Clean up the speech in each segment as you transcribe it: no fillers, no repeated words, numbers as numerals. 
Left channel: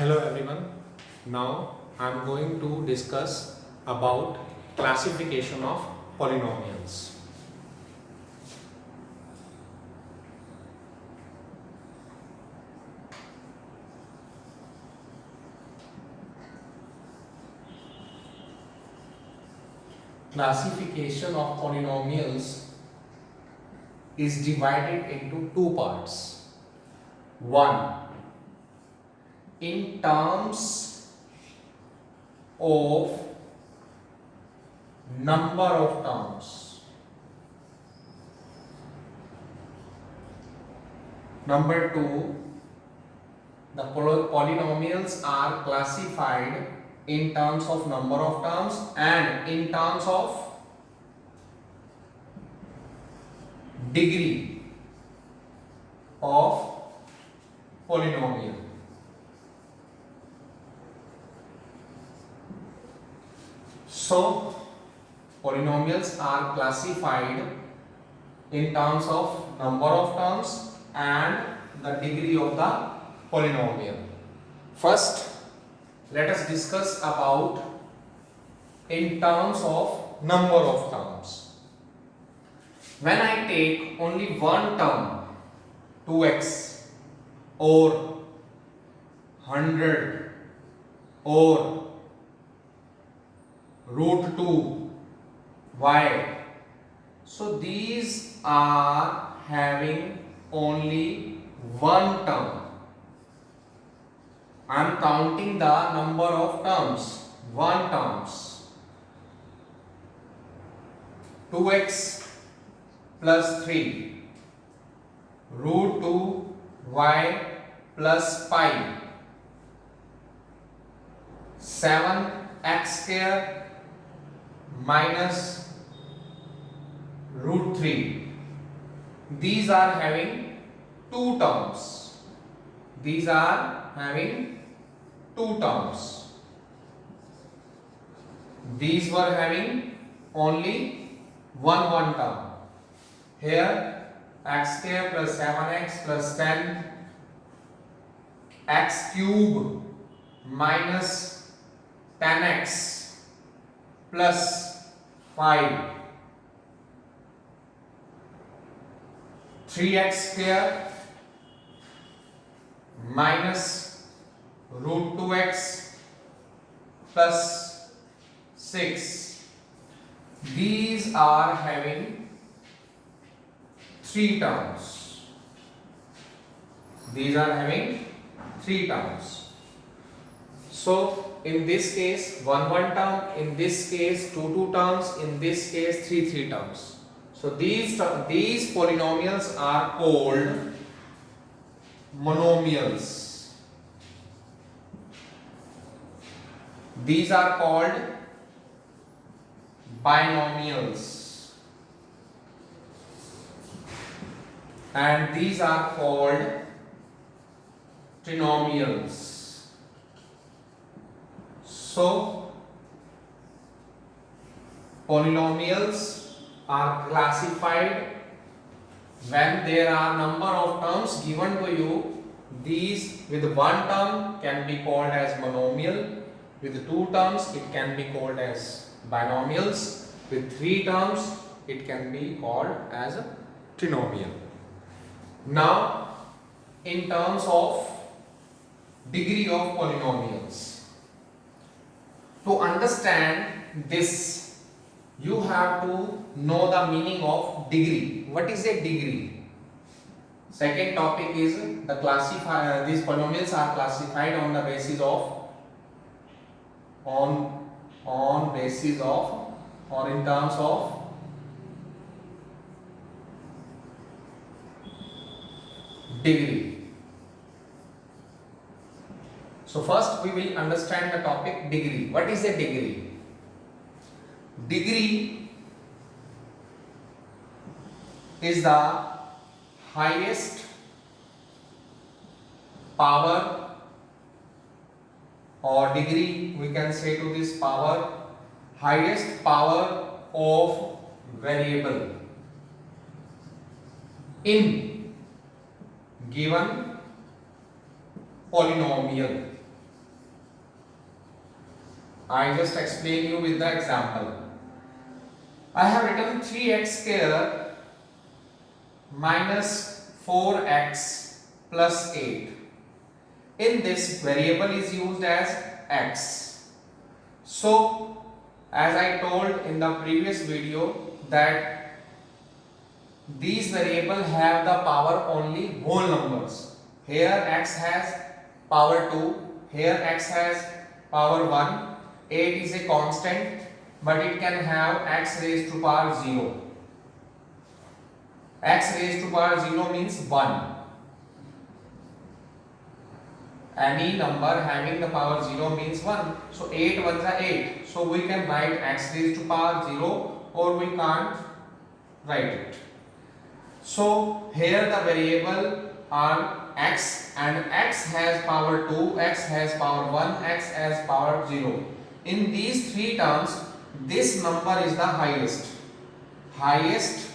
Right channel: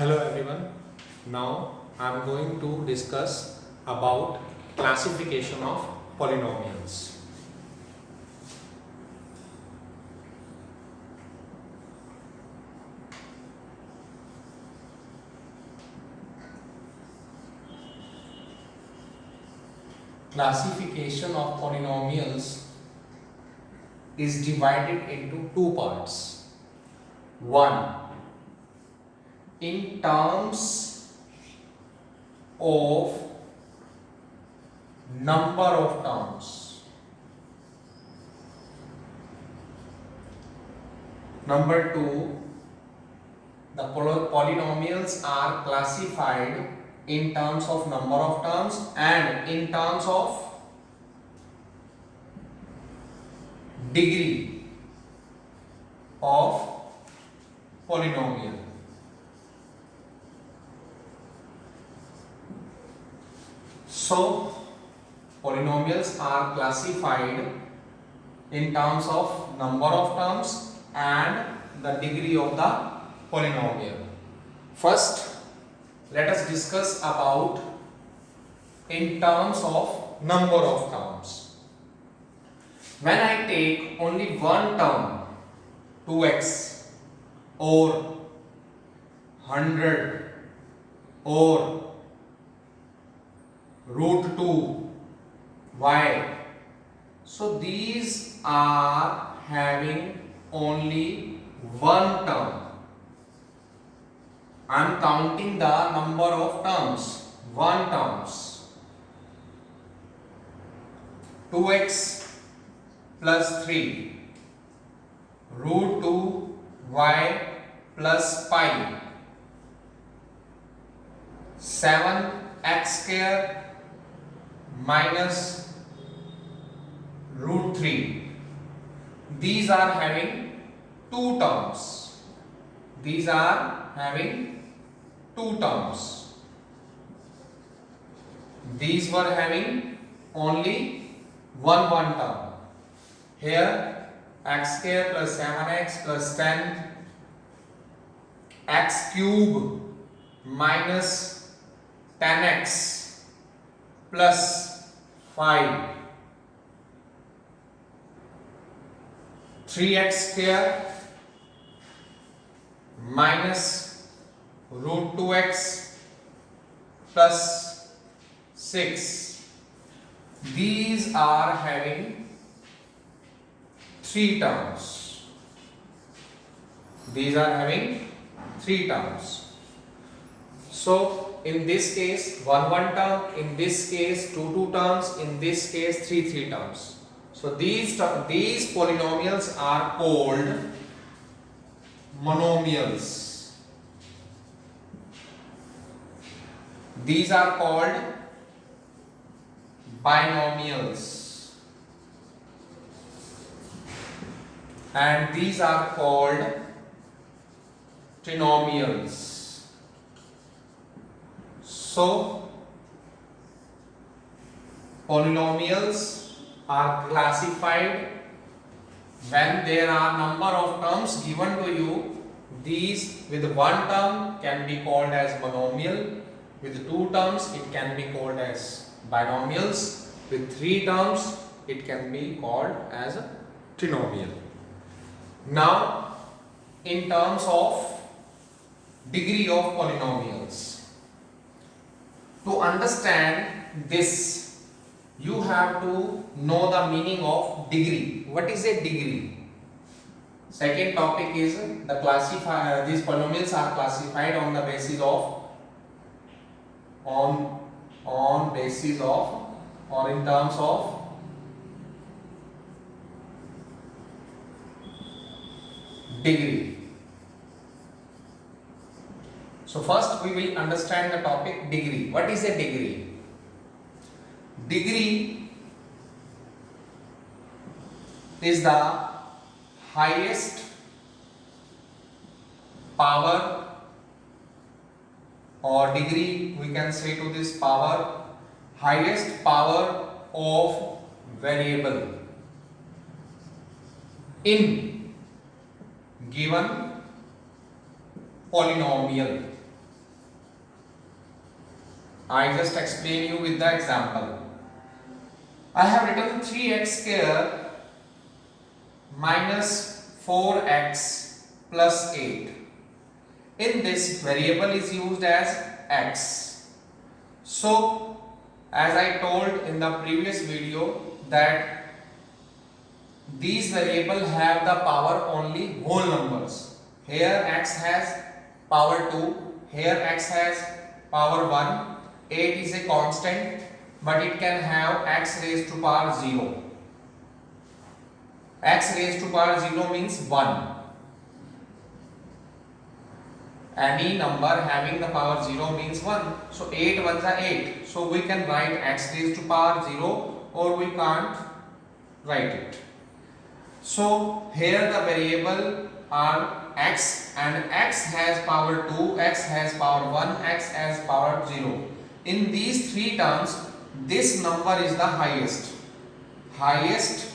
Hello everyone. Now I am going to discuss about classification of polynomials. Classification of polynomials is divided into two parts. One, in terms of number of terms. Number two, the polynomials are classified in terms of number of terms and in terms of degree of polynomial. So, polynomials are classified in terms of number of terms and the degree of the polynomial. First, let us discuss about in terms of number of terms. When I take only one term, 2x or 100 or root 2 y, so these are having only one term. I am counting the number of terms, one terms. 2x plus 3 root 2 y plus pi 7x square minus root 3. These are having two terms. These are having two terms. These were having only one term. Here x square plus 7x plus 10 x cube minus 10x plus 5 3x square minus root 2x plus 6. These are having three terms. These are having three terms. So in this case one term, in this case two terms, in this case three terms. So these polynomials are called monomials. These are called binomials, and these are called trinomials. So polynomials are classified when there are number of terms given to you. These with one term can be called as monomial, with two terms it can be called as binomials, with three terms it can be called as a trinomial. Now in terms of degree of polynomials, to understand this you have to know the meaning of degree. What is a degree? Second topic is the classify. These polynomials are classified on the basis of basis of or in terms of degree. So first we will understand the topic degree. What is a degree? Degree is the highest power, or degree we can say to this power, highest power of variable in given polynomial. I just explain you with the example. I have written 3x square minus 4x plus 8. In this, variable is used as x. So, as I told in the previous video that these variables have the power only whole numbers. Here x has power 2, here x has power 1, 8 is a constant, but it can have x raised to power 0. X raised to power 0 means 1. Any number having the power 0 means 1. So 8 ones are 8. So we can write x raised to power 0 or we can't write it. So here the variable are x and x has power 2, x has power 1, x has power 0. In these three terms, this number is the highest. Highest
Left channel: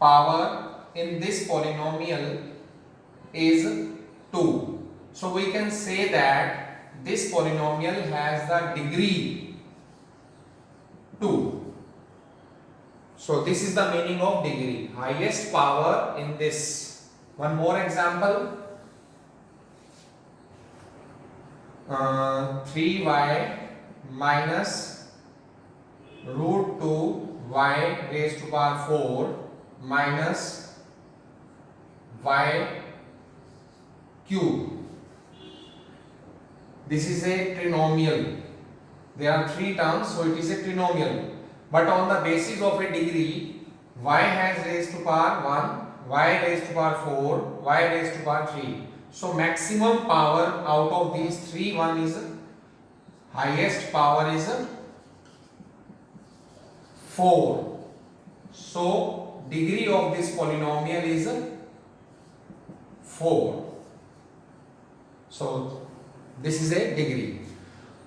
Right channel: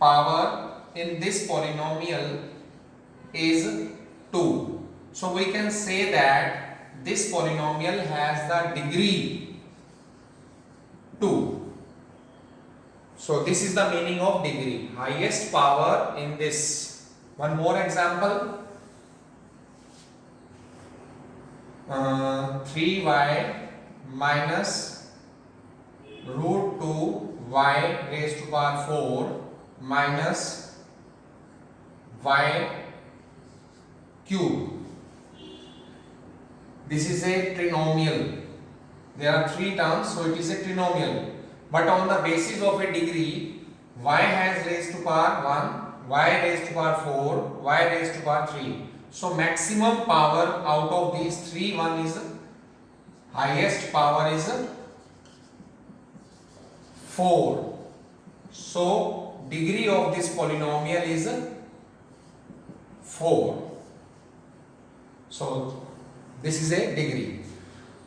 power in this polynomial is 2. So we can say that this polynomial has the degree 2. So this is the meaning of degree. Highest power in this. One more example. 3y minus root 2y raised to power 4 minus y cube. This is a trinomial. There are three terms, so it is a trinomial. But on the basis of a degree, y has raised to power 1, y raised to power 4, y raised to power 3. So maximum power out of these three, one is highest power is 4. So degree of this polynomial is 4. So this is a degree.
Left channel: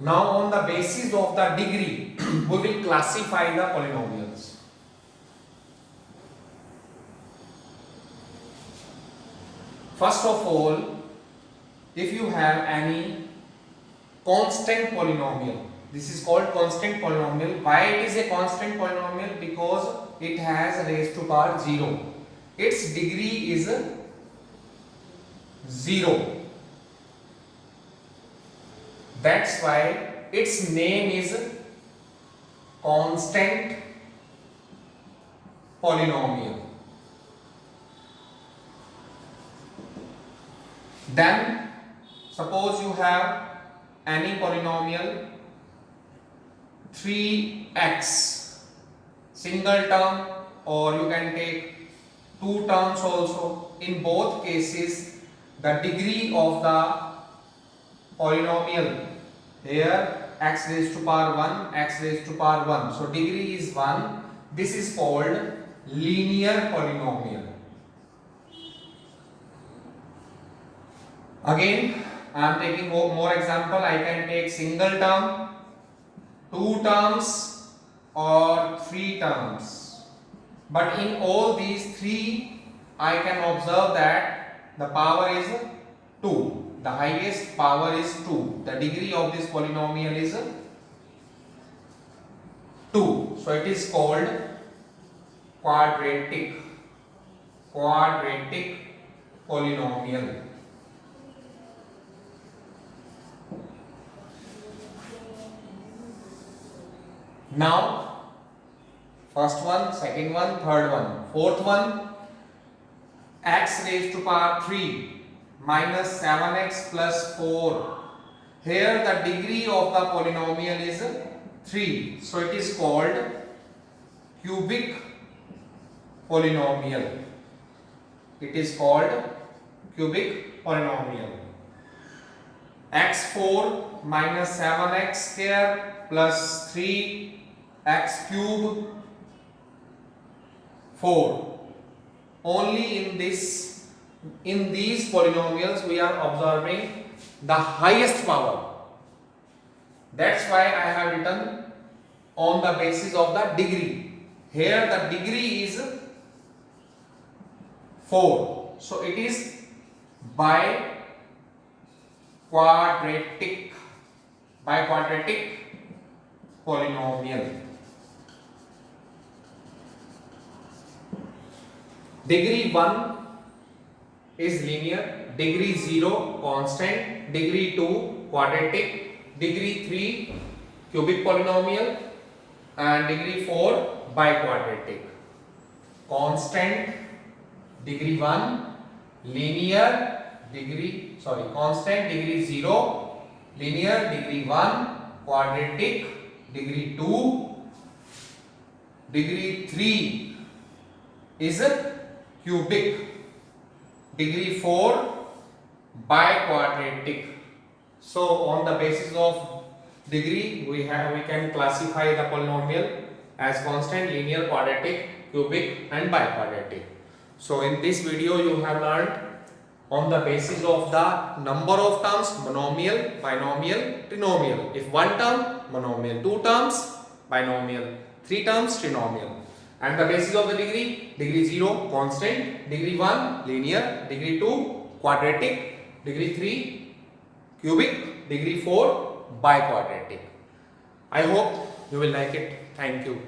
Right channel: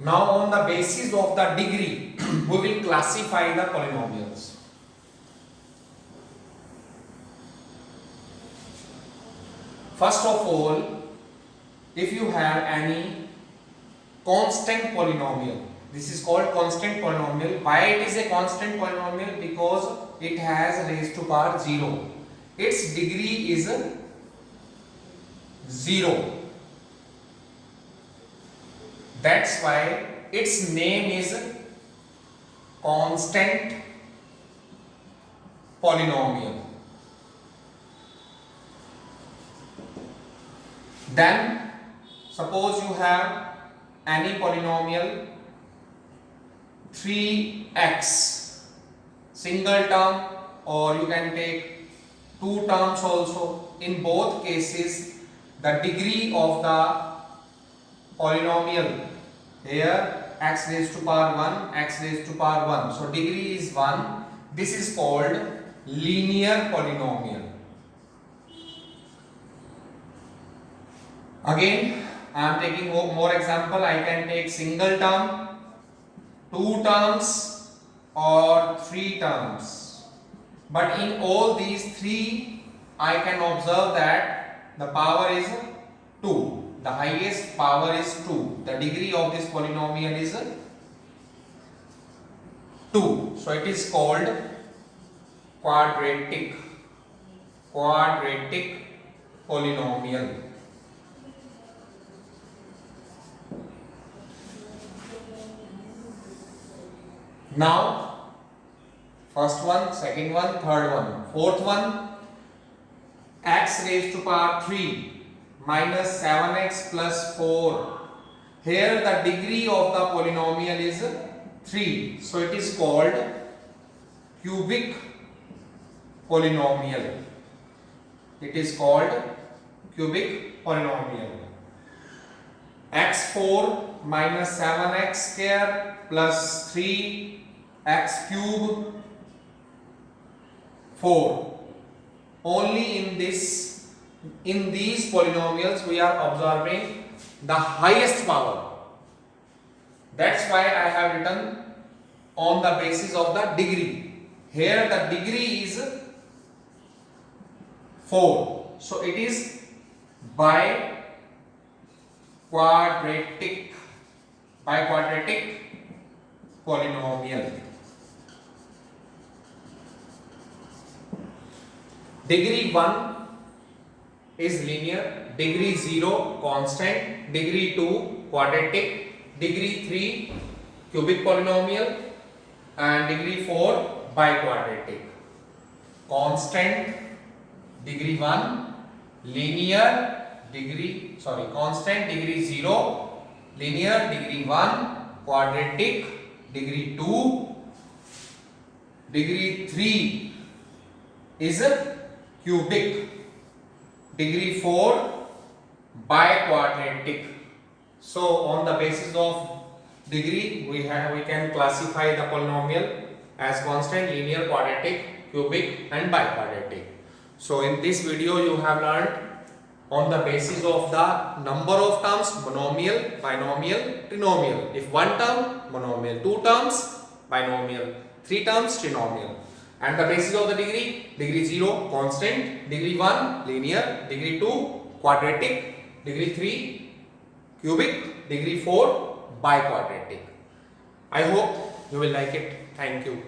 Now on the basis of the degree, we will classify the polynomials. First of all, if you have any constant polynomial, this is called constant polynomial. Why it is a constant polynomial? Because it has raised to power 0. Its degree is 0. That's why its name is constant polynomial. Then suppose you have any polynomial 3x single term, or you can take two terms also. In both cases, the degree of the polynomial, here x raised to power 1, x raised to power 1. So degree is 1. This is called linear polynomial. Again, I am taking more example. I can take single term, two terms or three terms. But in all these three, I can observe that the power is 2. The highest power is 2. The degree of this polynomial is 2. So it is called quadratic polynomial. Now, first one, second one, third one, fourth one, x raised to power 3 minus 7x plus 4. Here the degree of the polynomial is 3. So it is called cubic polynomial. It is called cubic polynomial. x4 minus 7x square plus 3x cube 4. Only in these polynomials we are observing the highest power. That's why I have written on the basis of the degree. Here the degree is 4. So it is by quadratic biquadratic polynomial. Degree 1 is linear, degree 0 constant, degree 2 quadratic, degree 3 cubic polynomial, and degree 4 biquadratic. Constant degree 1 linear constant degree 0 linear, degree 1 quadratic, degree 2 degree 3 is cubic, degree 4 biquadratic. So on the basis of degree we can classify the polynomial as constant, linear, quadratic, cubic and biquadratic. So in this video you have learned on the basis of the number of terms, monomial, binomial, trinomial. If one term, monomial, two terms, binomial, three terms, trinomial. And the basis of the degree, degree 0 constant, degree 1 linear, degree 2 quadratic, degree 3 cubic, degree 4 biquadratic. I hope you will like it. Thank you.